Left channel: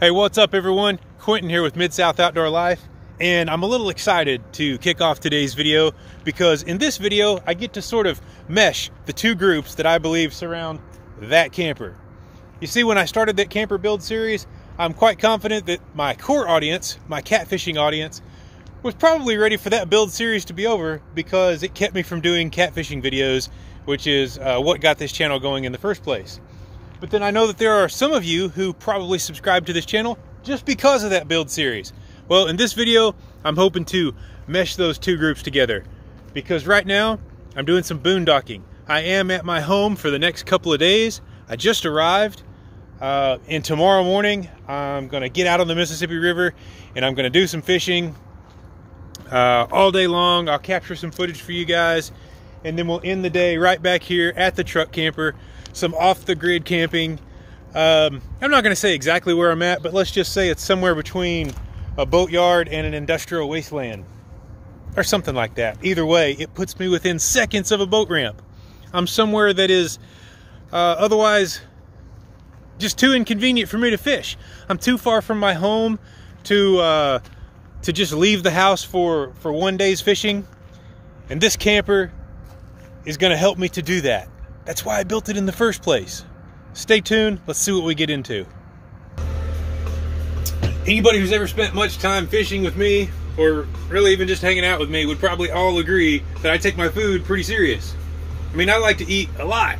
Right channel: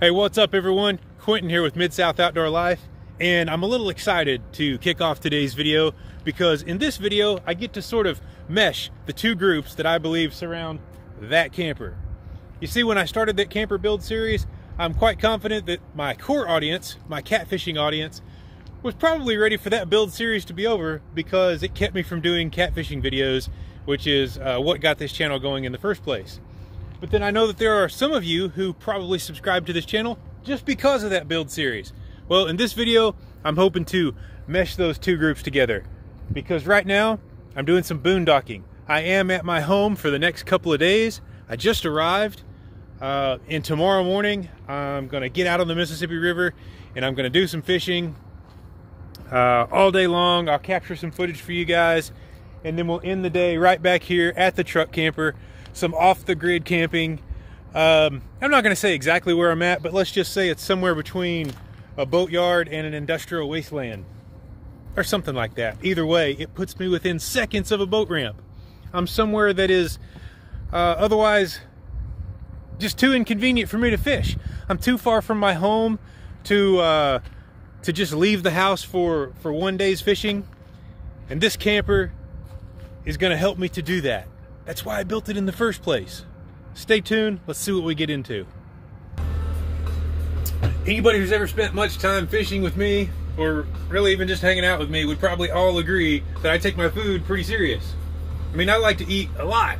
Hey, what's up everyone? Quentin here with Mid-South Outdoor Life, and I'm a little excited to kick off today's video because in this video I get to sort of mesh the two groups that I believe surround that camper. You see, when I started that camper build series, I'm quite confident that my core audience, my catfishing audience, was probably ready for that build series to be over because it kept me from doing catfishing videos, which is what got this channel going in the first place. But then I know that there are some of you who probably subscribe to this channel just because of that build series. Well, in this video, I'm hoping to mesh those two groups together because right now I'm doing some boondocking. I am at my home for the next couple of days. I just arrived, and tomorrow morning I'm gonna get out on the Mississippi River and I'm gonna do some fishing all day long. I'll capture some footage for you guys, and then we'll end the day right back here at the truck camper. Some off-the-grid camping. I'm not going to say exactly where I'm at, but let's just say it's somewhere between a boatyard and an industrial wasteland or something like that. Either way, it puts me within seconds of a boat ramp. I'm somewhere that is otherwise just too inconvenient for me to fish. I'm too far from my home to just leave the house for one day's fishing, and this camper is going to help me to do that. That's why I built it in the first place. Stay tuned, let's see what we get into. Anybody who's ever spent much time fishing with me, or really even just hanging out with me, would probably all agree that I take my food pretty serious. I mean, I like to eat a lot.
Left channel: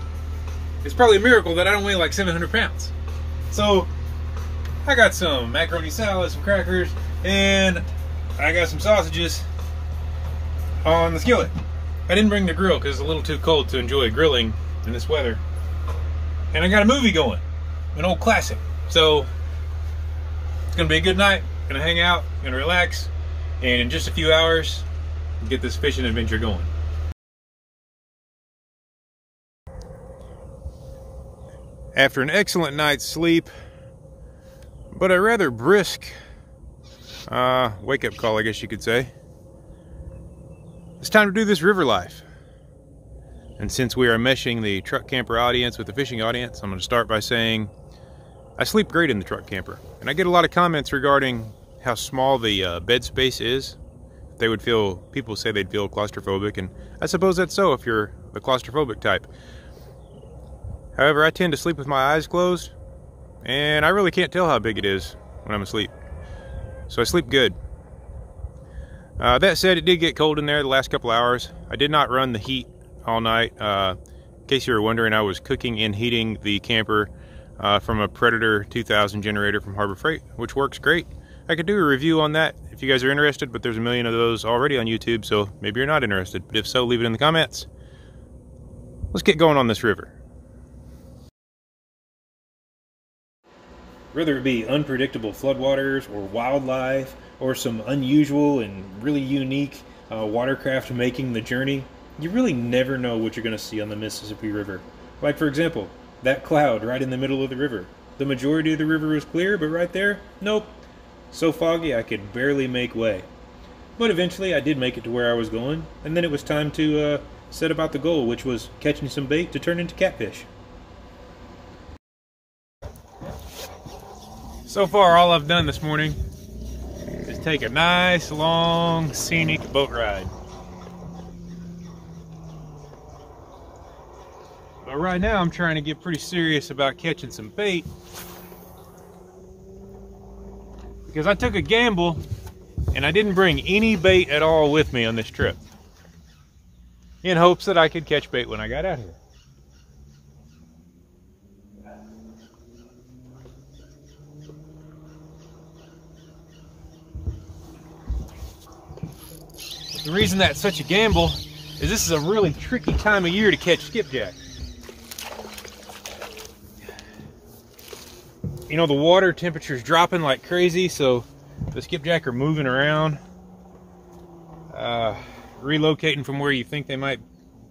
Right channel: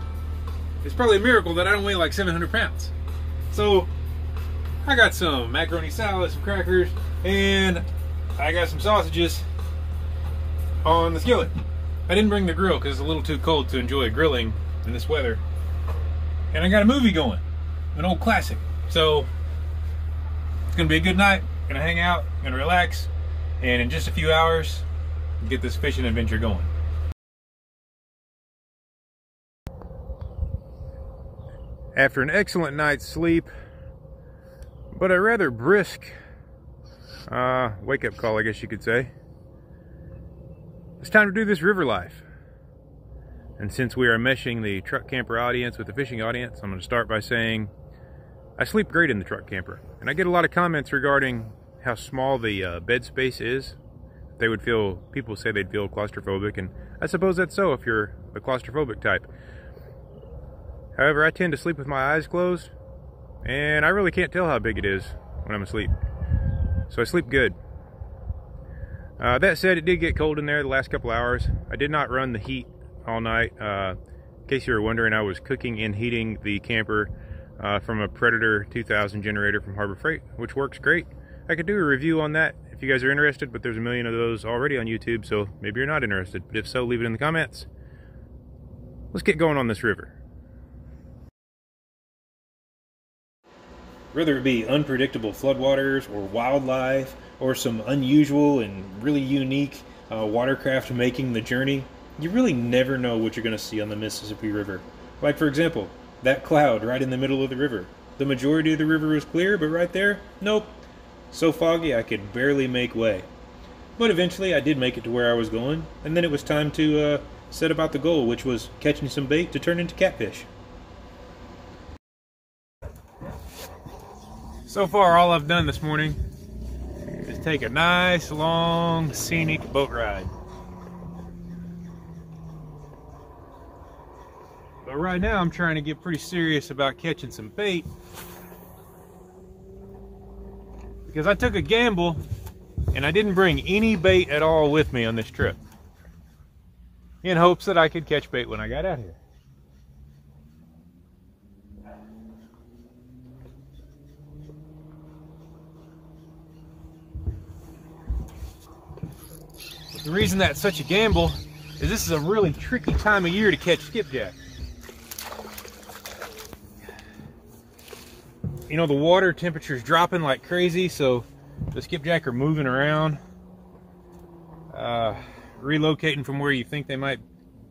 It's probably a miracle that I don't weigh like 700 pounds. So, I got some macaroni salad, some crackers, and I got some sausages on the skillet. I didn't bring the grill because it's a little too cold to enjoy grilling in this weather, and I got a movie going, an old classic, so it's gonna be a good night. Gonna hang out, gonna relax, and in just a few hours get this fishing adventure going. After an excellent night's sleep but a rather brisk wake-up call, I guess you could say, it's time to do this river life. And since we are meshing the truck camper audience with the fishing audience, I'm going to start by saying I sleep great in the truck camper. And I get a lot of comments regarding how small the bed space is. People say they'd feel claustrophobic, and I suppose that's so if you're the claustrophobic type. However, I tend to sleep with my eyes closed, and I really can't tell how big it is when I'm asleep. So I sleep good. That said, it did get cold in there the last couple hours. I did not run the heat all night. In case you were wondering, I was cooking and heating the camper from a Predator 2000 generator from Harbor Freight, which works great. I could do a review on that if you guys are interested, but there's a million of those already on YouTube, so maybe you're not interested. But if so, leave it in the comments. Let's get going on this river. Whether it be unpredictable floodwaters or wildlife or some unusual and really unique watercraft making the journey, you really never know what you're going to see on the Mississippi River. Like, for example, that cloud right in the middle of the river. The majority of the river was clear, but right there, nope. So foggy I could barely make way. But eventually I did make it to where I was going, and then it was time to set about the goal, which was catching some bait to turn into catfish. So far, all I've done this morning is take a nice, long, scenic boat ride. But right now, I'm trying to get pretty serious about catching some bait because I took a gamble and I didn't bring any bait at all with me on this trip in hopes that I could catch bait when I got out here. The reason that's such a gamble is this is a really tricky time of year to catch skipjack. You know, the water temperature's dropping like crazy, so the skipjack are moving around, relocating from where you think they might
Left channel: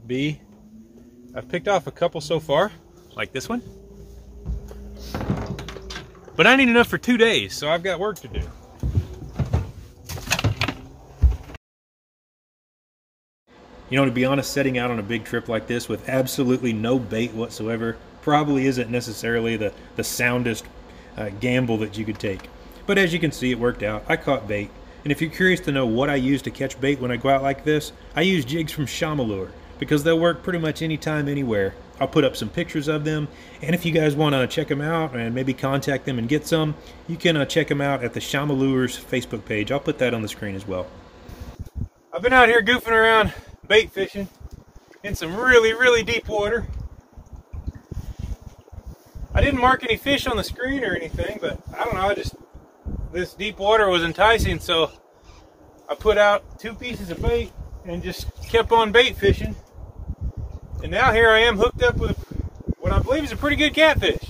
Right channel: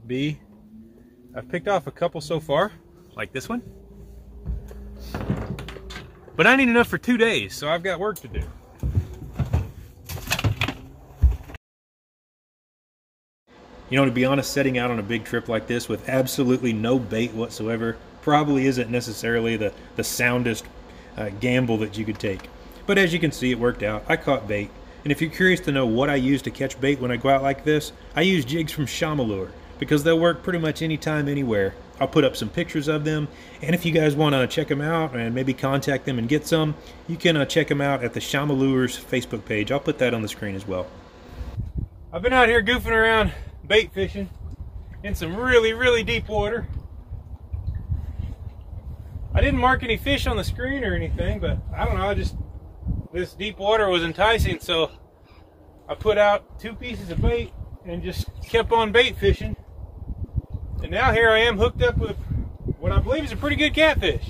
be. I've picked off a couple so far, like this one. But I need enough for 2 days, so I've got work to do. You know, to be honest, setting out on a big trip like this with absolutely no bait whatsoever probably isn't necessarily the soundest gamble that you could take. But as you can see, it worked out. I caught bait. And if you're curious to know what I use to catch bait when I go out like this, I use jigs from Shamalure because they'll work pretty much anytime, anywhere. I'll put up some pictures of them, and if you guys want to check them out and maybe contact them and get some, you can check them out at the Shamalure's Facebook page. I'll put that on the screen as well. I've been out here goofing around bait fishing in some really, really deep water. I didn't mark any fish on the screen or anything, but I don't know, this deep water was enticing, so I put out 2 pieces of bait and just kept on bait fishing. And now here I am hooked up with what I believe is a pretty good catfish.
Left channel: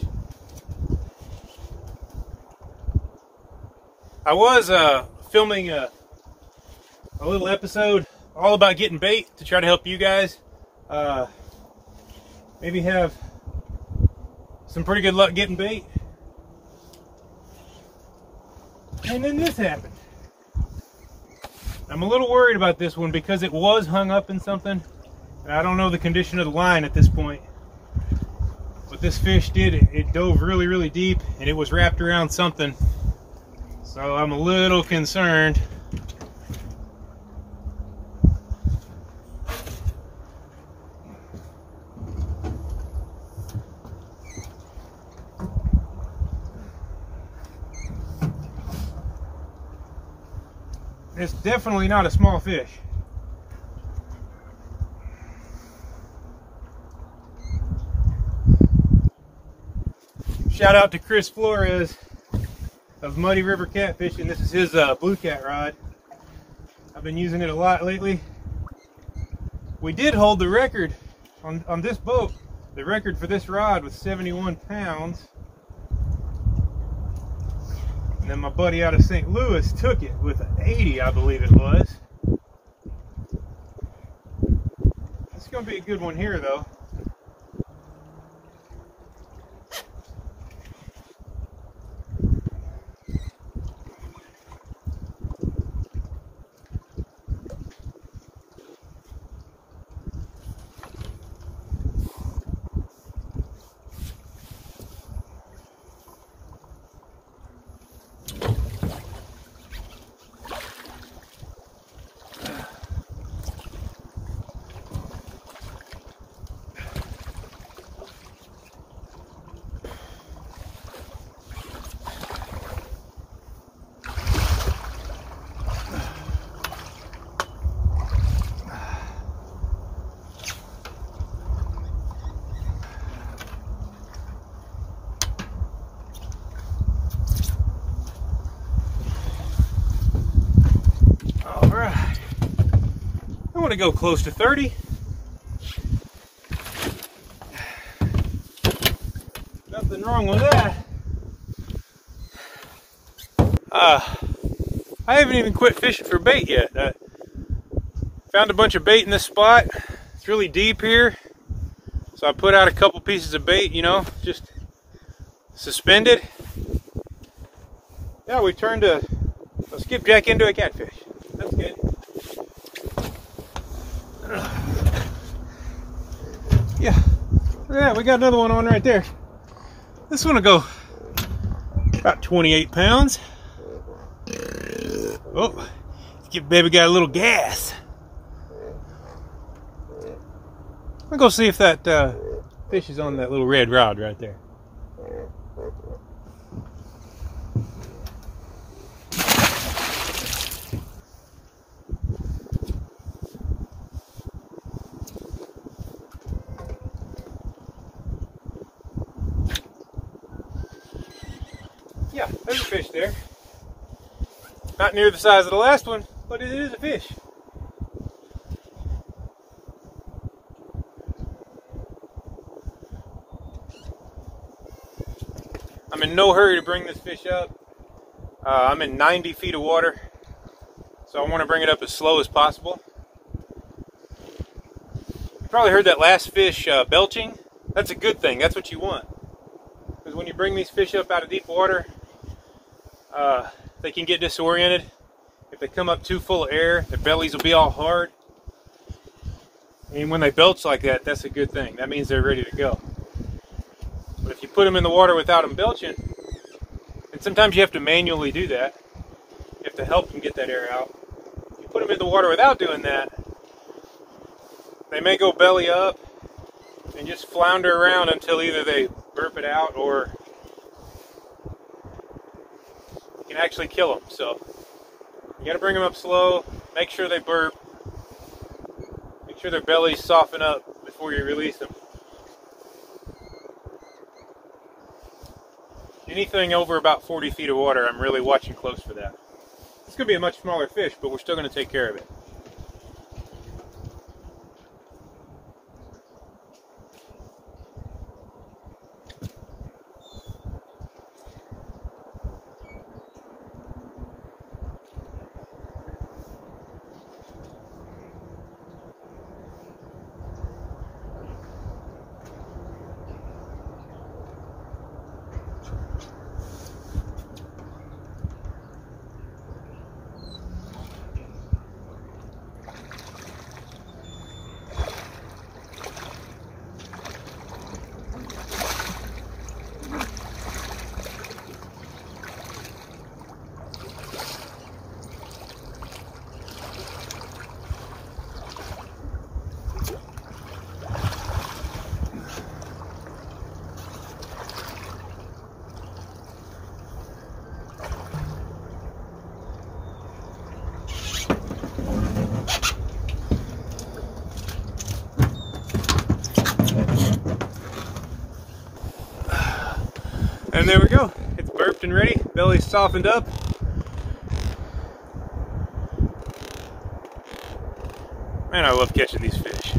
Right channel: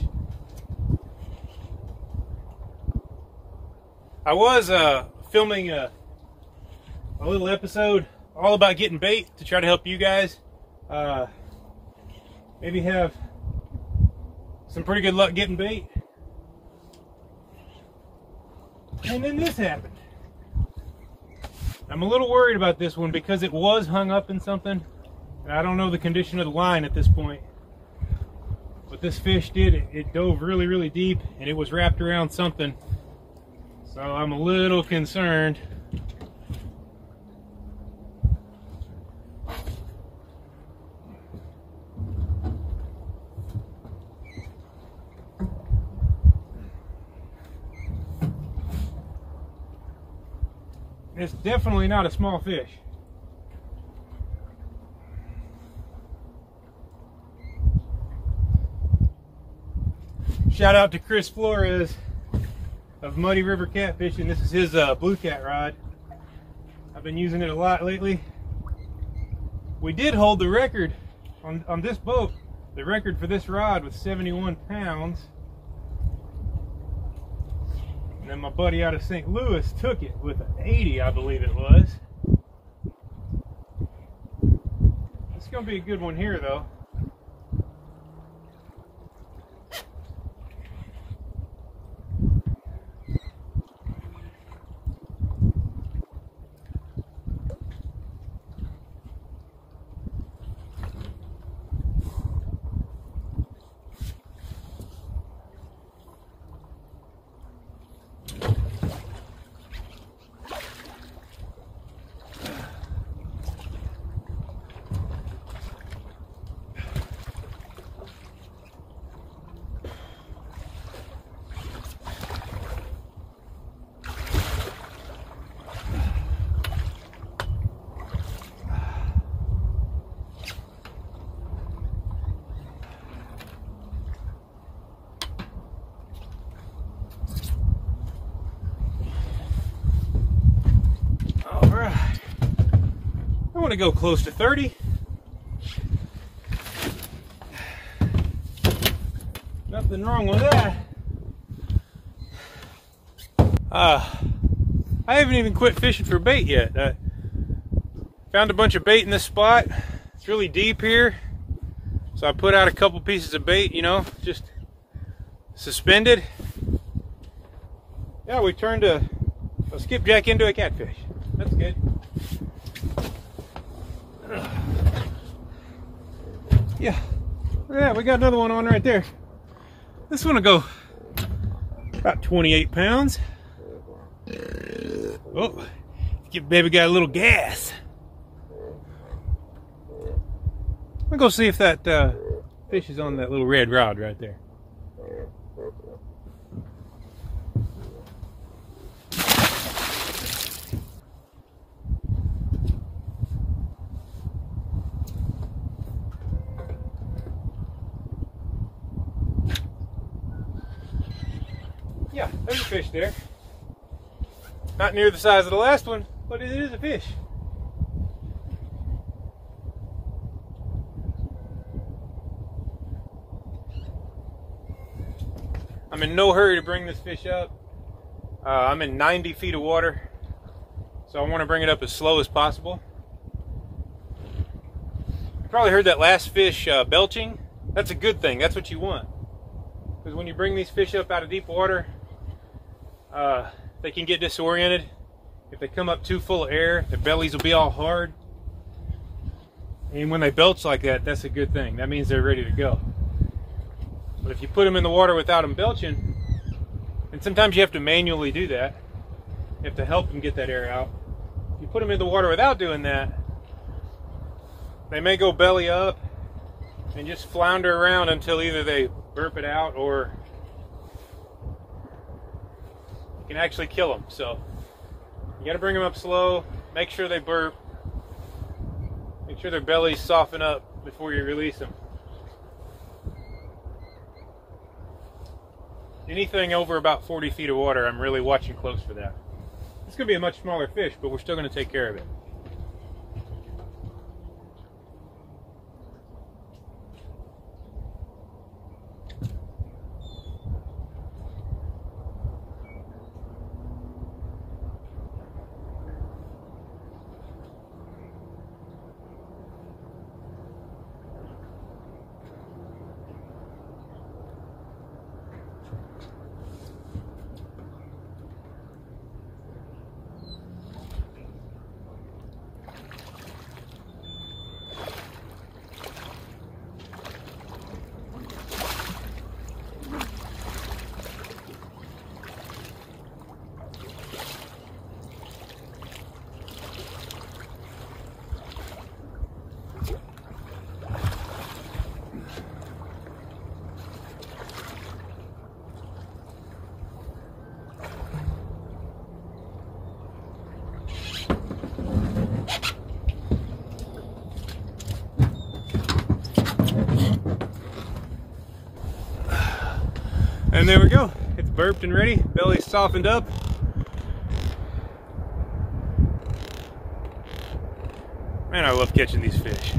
I was filming a little episode all about getting bait to try to help you guys maybe have some pretty good luck getting bait. And then this happened. I'm a little worried about this one because it was hung up in something. I don't know the condition of the line at this point. What this fish did, it dove really, really deep and it was wrapped around something. So I'm a little concerned. It's definitely not a small fish. Shout out to Chris Flores of Muddy River Catfishing. This is his blue cat rod. I've been using it a lot lately. We did hold the record on this boat. The record for this rod was 71 pounds. And then my buddy out of St. Louis took it with an 80, I believe it was. It's going to be a good one here, though. I want to go close to 30. Nothing wrong with that. I haven't even quit fishing for bait yet. I found a bunch of bait in this spot. It's really deep here. So I put out a couple pieces of bait, you know, just suspended. Yeah, we turned a skipjack into a catfish. That's good. Yeah, we got another one on right there. This one will go about 28 pounds. Oh, baby got a little gas. I'll go see if that fish is on that little red rod right there. Yeah, there's a fish there. Not near the size of the last one, but it is a fish. I'm in no hurry to bring this fish up. I'm in 90 feet of water, so I want to bring it up as slow as possible. You probably heard that last fish belching. That's a good thing. That's what you want. Because when you bring these fish up out of deep water, they can get disoriented. If they come up too full of air, their bellies will be all hard. And when they belch like that, that's a good thing. That means they're ready to go. But if you put them in the water without them belching, And sometimes you have to manually do that. You have to help them get that air out. If you put them in the water without doing that, they may go belly up and just flounder around until either they burp it out or you can actually kill them. So you got to bring them up slow, make sure they burp, make sure their bellies soften up before you release them. Anything over about 40 feet of water, I'm really watching close for that. It's going to be a much smaller fish, but we're still going to take care of it. And there we go. It's burped and ready. Belly's softened up. Man, I love catching these fish.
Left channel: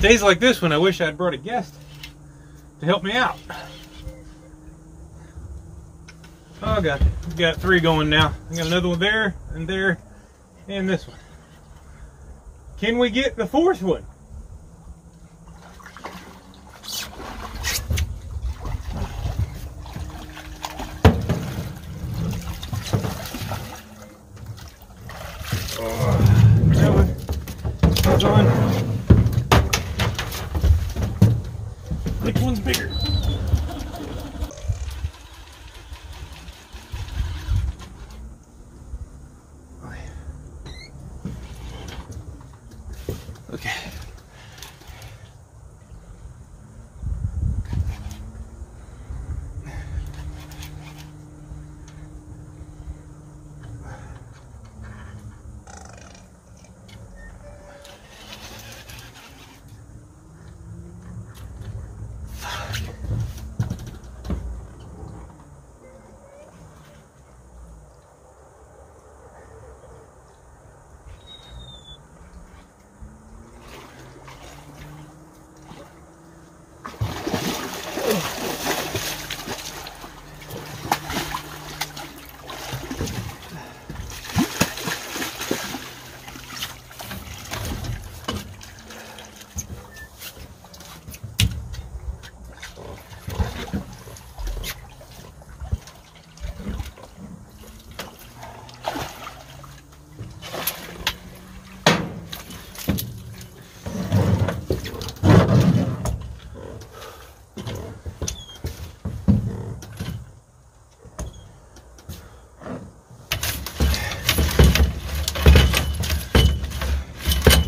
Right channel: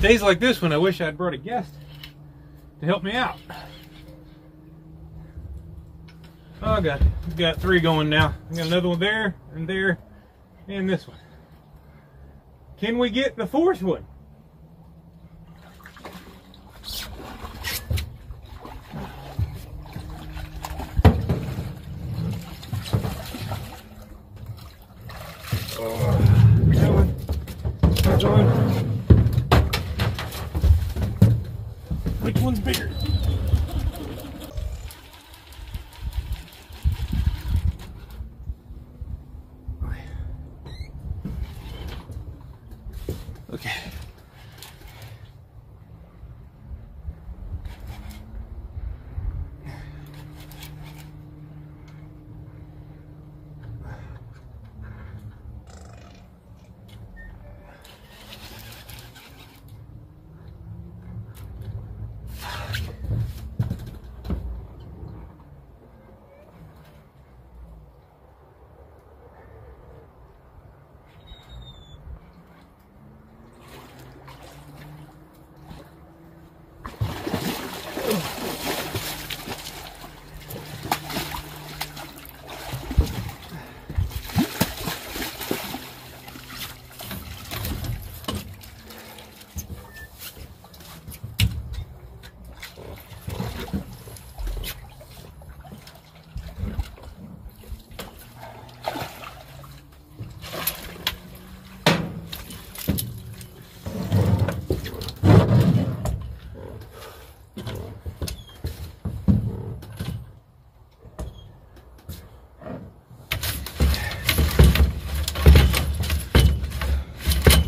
Days like this one, I wish I'd brought a guest to help me out. Oh God, we've got 3 going now. I got another one there, and this one. Can we get the 4th one? Which one's bigger? Okay.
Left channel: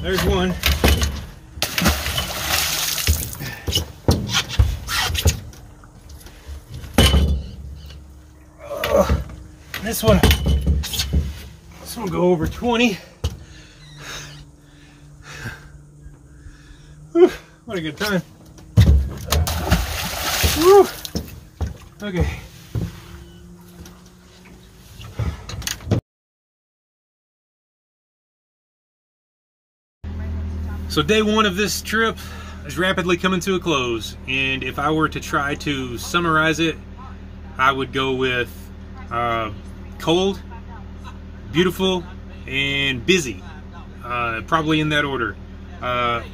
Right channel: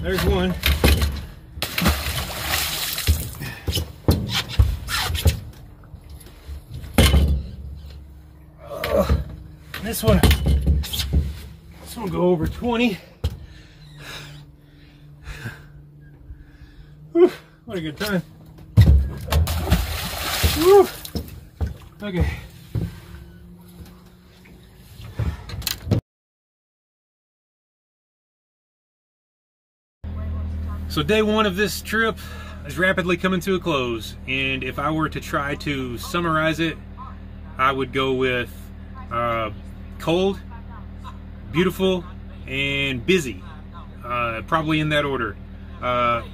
There's one. This one will go over 20. Whew, what a good time. Whew. Okay. So day one of this trip is rapidly coming to a close, and if I were to try to summarize it, I would go with cold, beautiful, and busy, probably in that order. I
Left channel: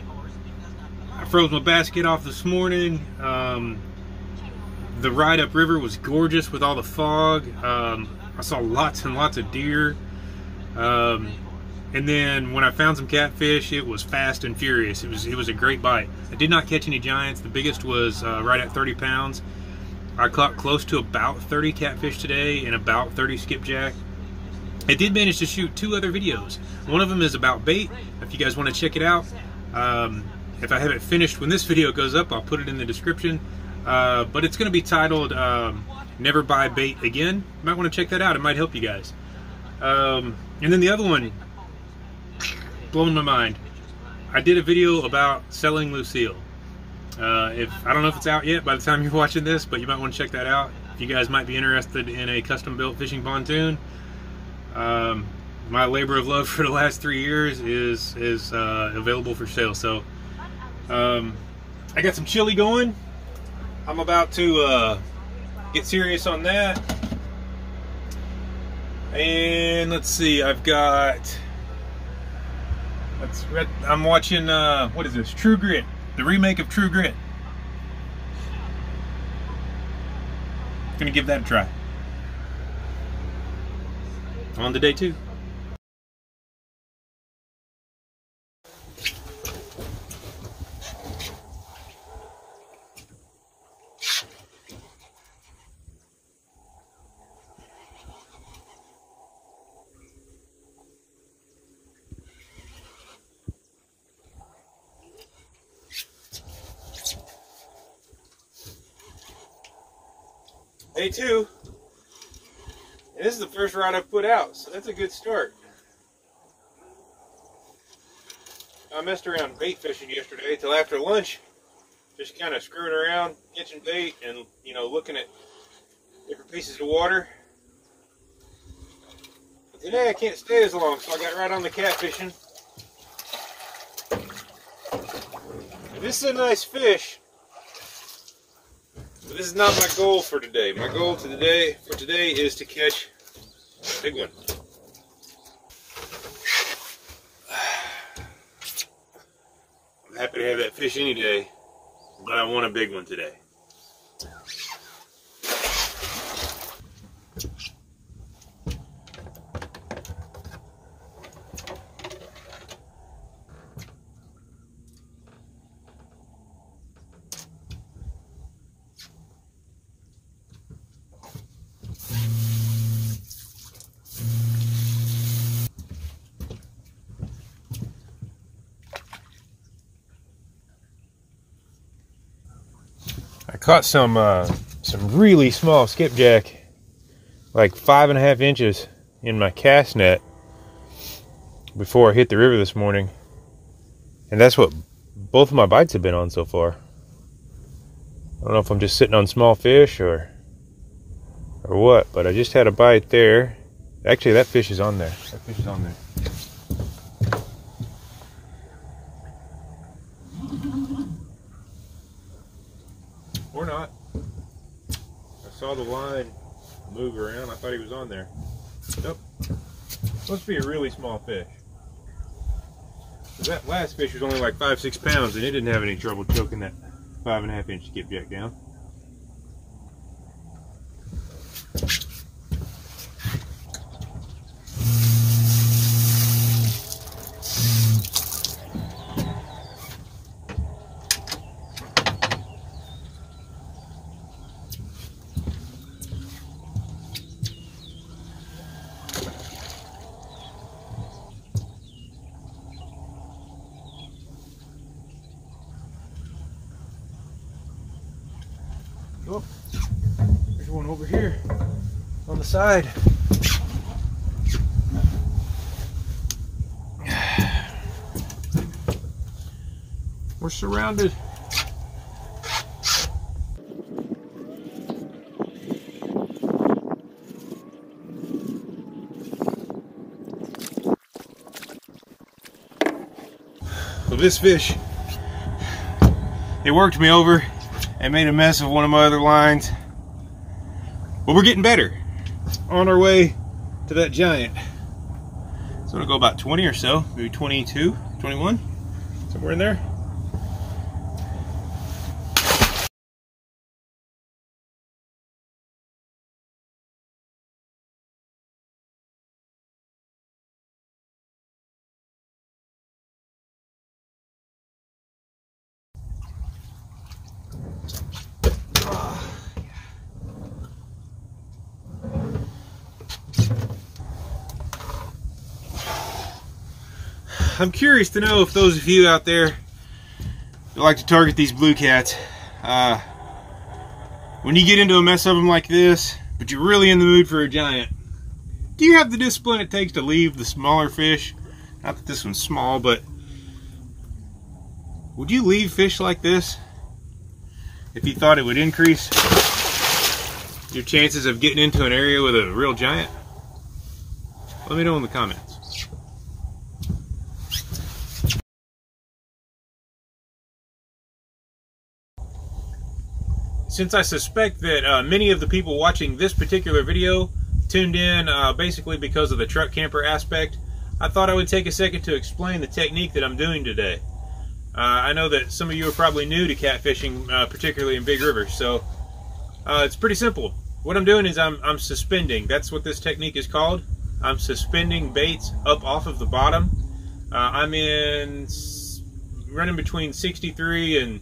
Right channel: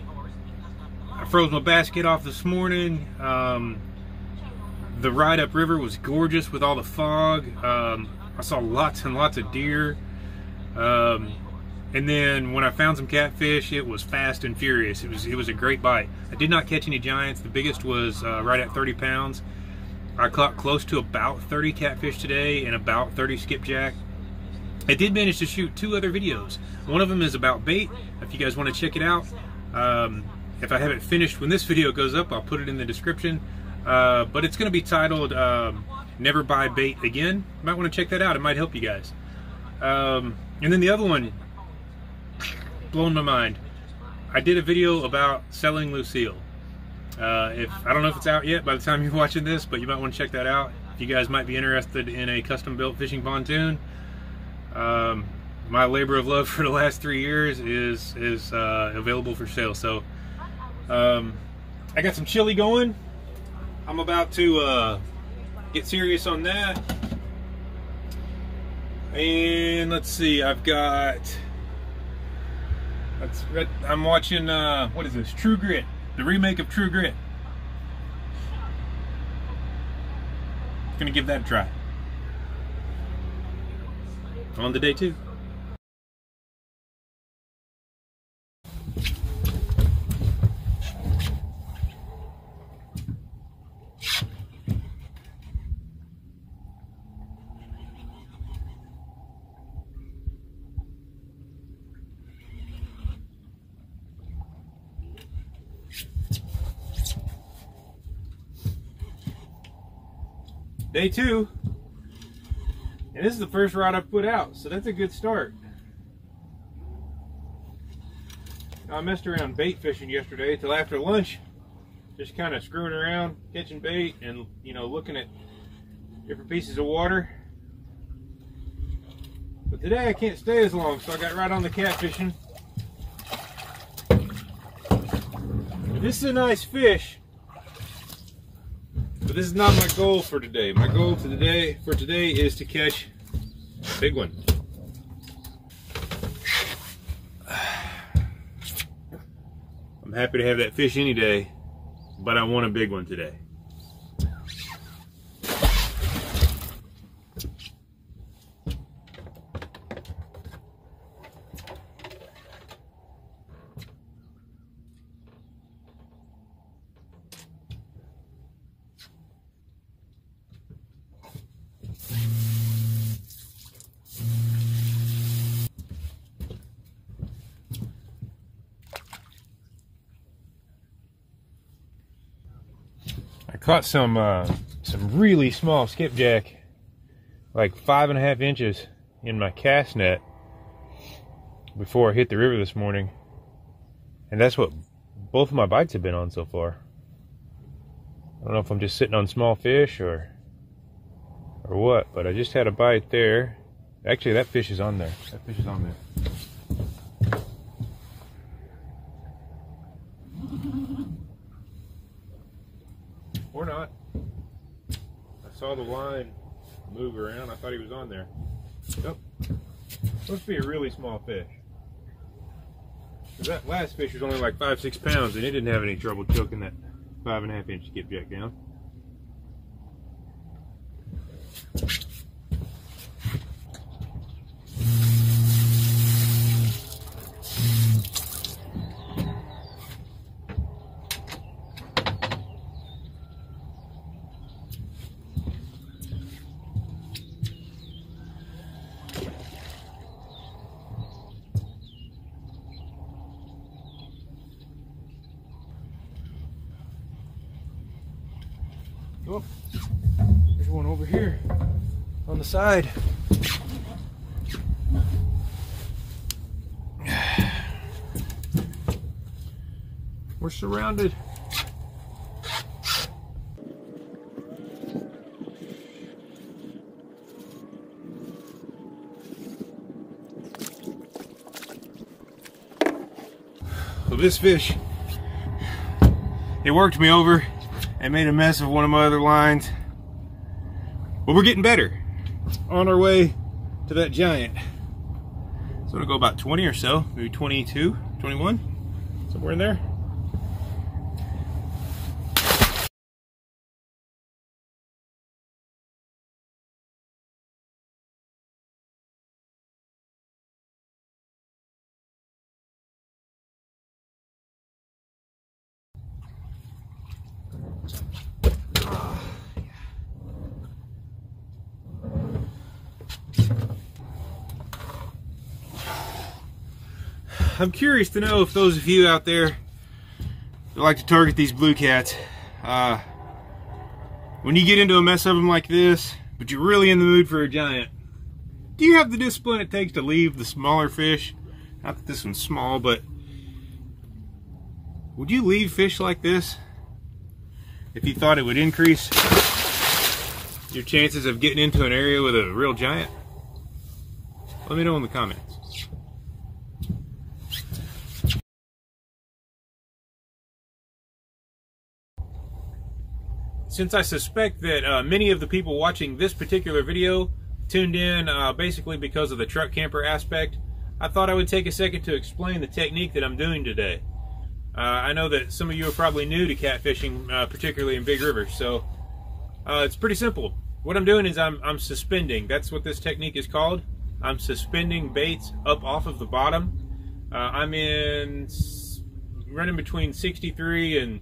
froze my basket off this morning. The ride upriver was gorgeous with all the fog. I saw lots and lots of deer. And then when I found some catfish, it was fast and furious. It was a great bite. I did not catch any giants. The biggest was right at 30 pounds. I caught close to about 30 catfish today and about 30 skipjack. I did manage to shoot 2 other videos. One of them is about bait, if you guys want to check it out. If I have it finished when this video goes up, I'll put it in the description. But it's going to be titled Never Buy Bait Again. You might want to check that out. It might help you guys. And then the other one, blowing my mind. I did a video about selling Lucille. I don't know if it's out yet by the time you're watching this, but you might want to check that out. If you guys might be interested in a custom-built fishing pontoon. My labor of love for the last 3 years is available for sale. So I got some chili going. I'm about to get serious on that. And let's see, I'm watching, what is this? True Grit, the remake of True Grit. Gonna give that a try. On to day 2. Day 2, and this is the first rod I've put out, so that's a good start. I messed around bait fishing yesterday till after lunch, just kind of screwing around, catching bait, and looking at different pieces of water. But today I can't stay as long, so I got right on the catfishing. And this is a nice fish. But this is not my goal for today. My goal for today is to catch a big one. I'm happy to have that fish any day, but I want a big one today. I caught some really small skipjack, like 5.5 inches, in my cast net before I hit the river this morning, and that's what both of my bites have been on so far. I don't know if I'm just sitting on small fish or what, but I just had a bite there. Actually, that fish is on there. That fish is on there. Or not. I saw the line move around. I thought he was on there. Nope. Must be a really small fish. That last fish was only like 5-6 pounds, and it didn't have any trouble choking that 5.5 inch skipjack down. Oh, there's one over here on the side. We're surrounded. So this fish, it worked me over and made a mess of one of my other lines. But we're getting better. On our way to that giant. So I'm gonna go about 20 or so, maybe 22, 21, somewhere in there. I'm curious to know if those of you out there that like to target these blue cats, when you get into a mess of them like this, but you're really in the mood for a giant, do you have the discipline it takes to leave the smaller fish? Not that this one's small, but would you leave fish like this if you thought it would increase your chances of getting into an area with a real giant? Let me know in the comments. Since I suspect that many of the people watching this particular video tuned in basically because of the truck camper aspect, I thought I would take a second to explain the technique that I'm doing today. I know that some of you are probably new to catfishing, particularly in big rivers, so it's pretty simple. What I'm doing is I'm suspending. That's what this technique is called. I'm suspending baits up off of the bottom. I'm running between 63 and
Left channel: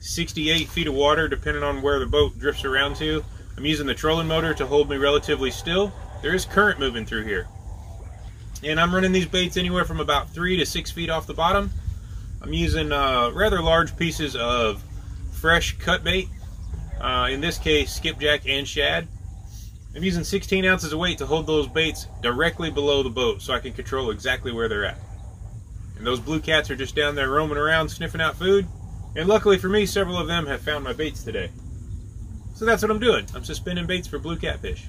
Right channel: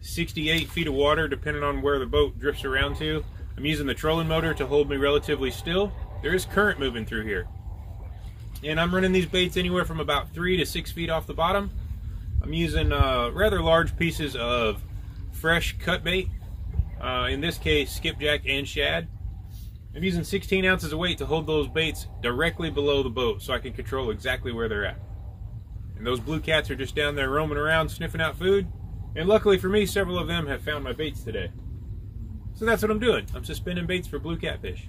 68 feet of water, depending on where the boat drifts around to. I'm using the trolling motor to hold me relatively still. There is current moving through here. And I'm running these baits anywhere from about 3 to 6 feet off the bottom. I'm using rather large pieces of fresh cut bait. In this case, skipjack and shad. I'm using 16 ounces of weight to hold those baits directly below the boat so I can control exactly where they're at. And those blue cats are just down there roaming around sniffing out food. And luckily for me, several of them have found my baits today. So that's what I'm doing. I'm suspending baits for blue catfish.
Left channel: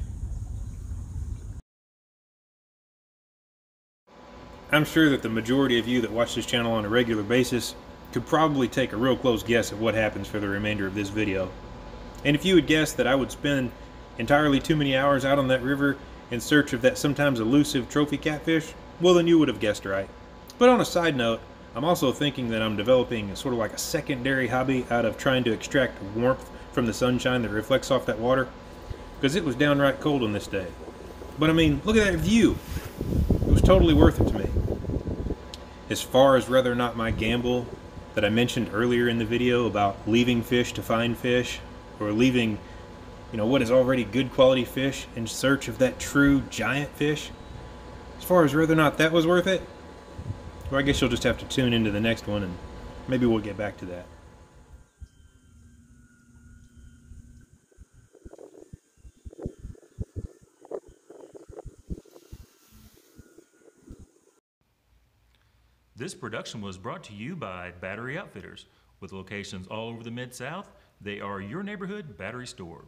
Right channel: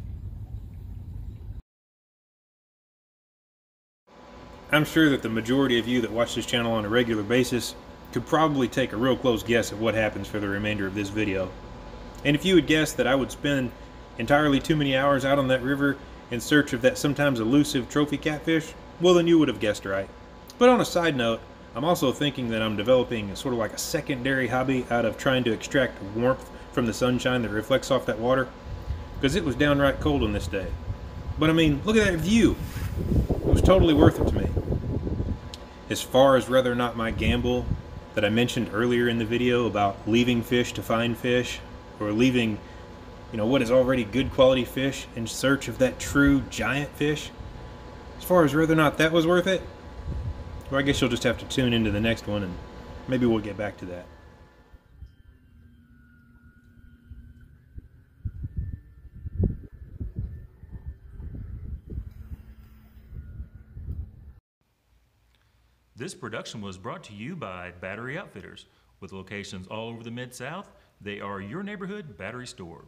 I'm sure that the majority of you that watch this channel on a regular basis could probably take a real close guess at what happens for the remainder of this video. And if you would guess that I would spend entirely too many hours out on that river in search of that sometimes elusive trophy catfish, well then you would have guessed right. But on a side note, I'm also thinking that I'm developing sort of like a secondary hobby out of trying to extract warmth from the sunshine that reflects off that water, because it was downright cold on this day. But I mean, look at that view. It was totally worth it to me. As far as whether or not my gamble that I mentioned earlier in the video about leaving fish to find fish, or leaving, you know, what is already good quality fish in search of that true giant fish, as far as whether or not that was worth it, well, I guess you'll just have to tune into the next one and maybe we'll get back to that. This production was brought to you by Battery Outfitters. With locations all over the Mid-South, they are your neighborhood battery store.